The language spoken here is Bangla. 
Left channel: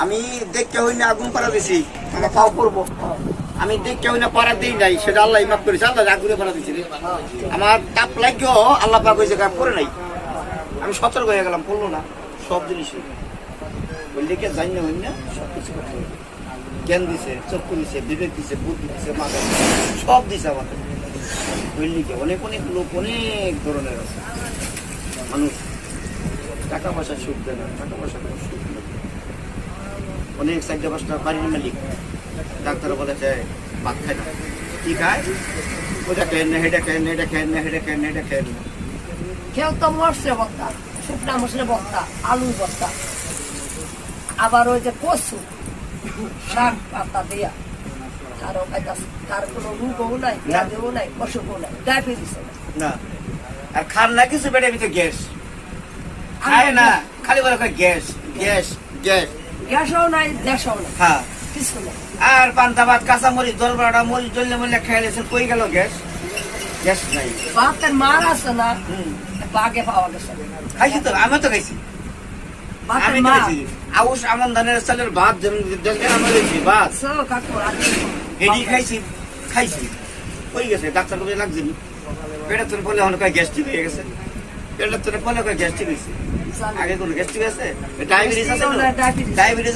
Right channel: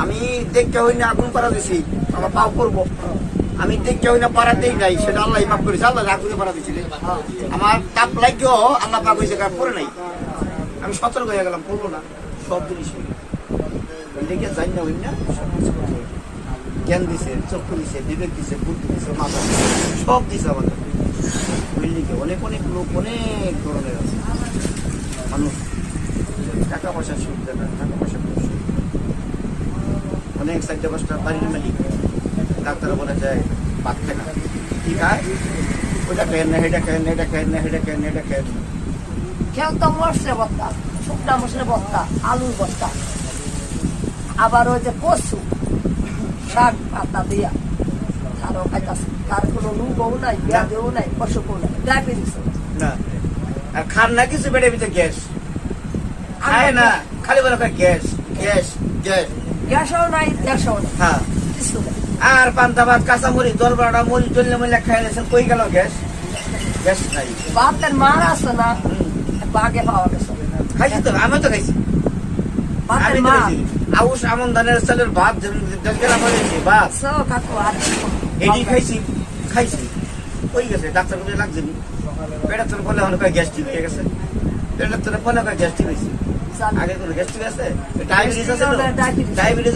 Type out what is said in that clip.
আমি দেখতে হই না আগুন পাড়া দিছি, আমার তাও করবো। আমি দেখতে হই না পাড়াতেই নাই, সেটা আল্লাহ মাফ করেছে। আল্লাহ আগুনে পাড়া দিচ্ছিল, আমার তাপ লাগিও আল্লাহ পাক হয়েছে পরে নাই। আমি সতর্ক হয়ে গেলাম, করবো না সব জিনিস। দেখে জানি না হই না, জ্ঞান দিছে, চক্ষু দিছে, বিবেক দিছে, বুদ্ধি দিছে, মাথা দিছে, সব দিছে আমাদের। বুঝলিকে অনেক অনেক লোক অনেক ধরনের আছে মানুষ, টাকা পয়সা সুখ দেয় না, টাকা পয়সা সুখ অনেক 4-5টা বাড়ির মালিক, ডাক্তার বলে যায় ভাত খায় না, কি খায়? ওইটা খেয়েন না, হেটা খেয়েন না, এটা খেয়েন না, হেটা খেয়েন না, এটা খেয়েন না। কেউ তো মশলা ভর্তা, শুকনা মশলা ভর্তা, আলুর ভর্তা, আবার ওই যে কচু শাক পাতা দিয়া আরো খাইতাছে। তার কোনো রোগও নাই, ব্যাধিও নাই, অসুখও নাই, ডায়াবেটিসও না। আর খান না কিছু পেটের ভিতরে গ্যাস, খায় না, খালি বলে গ্যাস গ্যাস গ্যাস, গ্যাসও নাই, গ্যাসও নাই, হ্যাঁ। কিছু নাই। আর পান্তা ভাত, কাঁচা মরিচ, জল বাড়া, মরিচ জ্বললে মরিলে খাই নিয়েছেন, কই গেল গ্যাস? গ্যাস নাই। ভাতের মার আছে না, বাগে পাওয়া গেছে। খাইছি তো, আমি তো খাইছি, ভাতের আমি তো মার খাইছি। আউশ আমন ধানের চালের ভাত, ভাত কাকু এটি খাইছি, খাইছি ওই গেছে। ডাক্তার কবে লাগছে পেটের তোর বলে অনেক গ্যাস্ট্রিক হয়ে গেছে, পেটের তোর বলে গ্যাস্ট্রিক হয়েছে। আগে কোনো গ্যাস্ট্রিক আছে? ডায়াবেটিস আছে, ডায়াবেটিস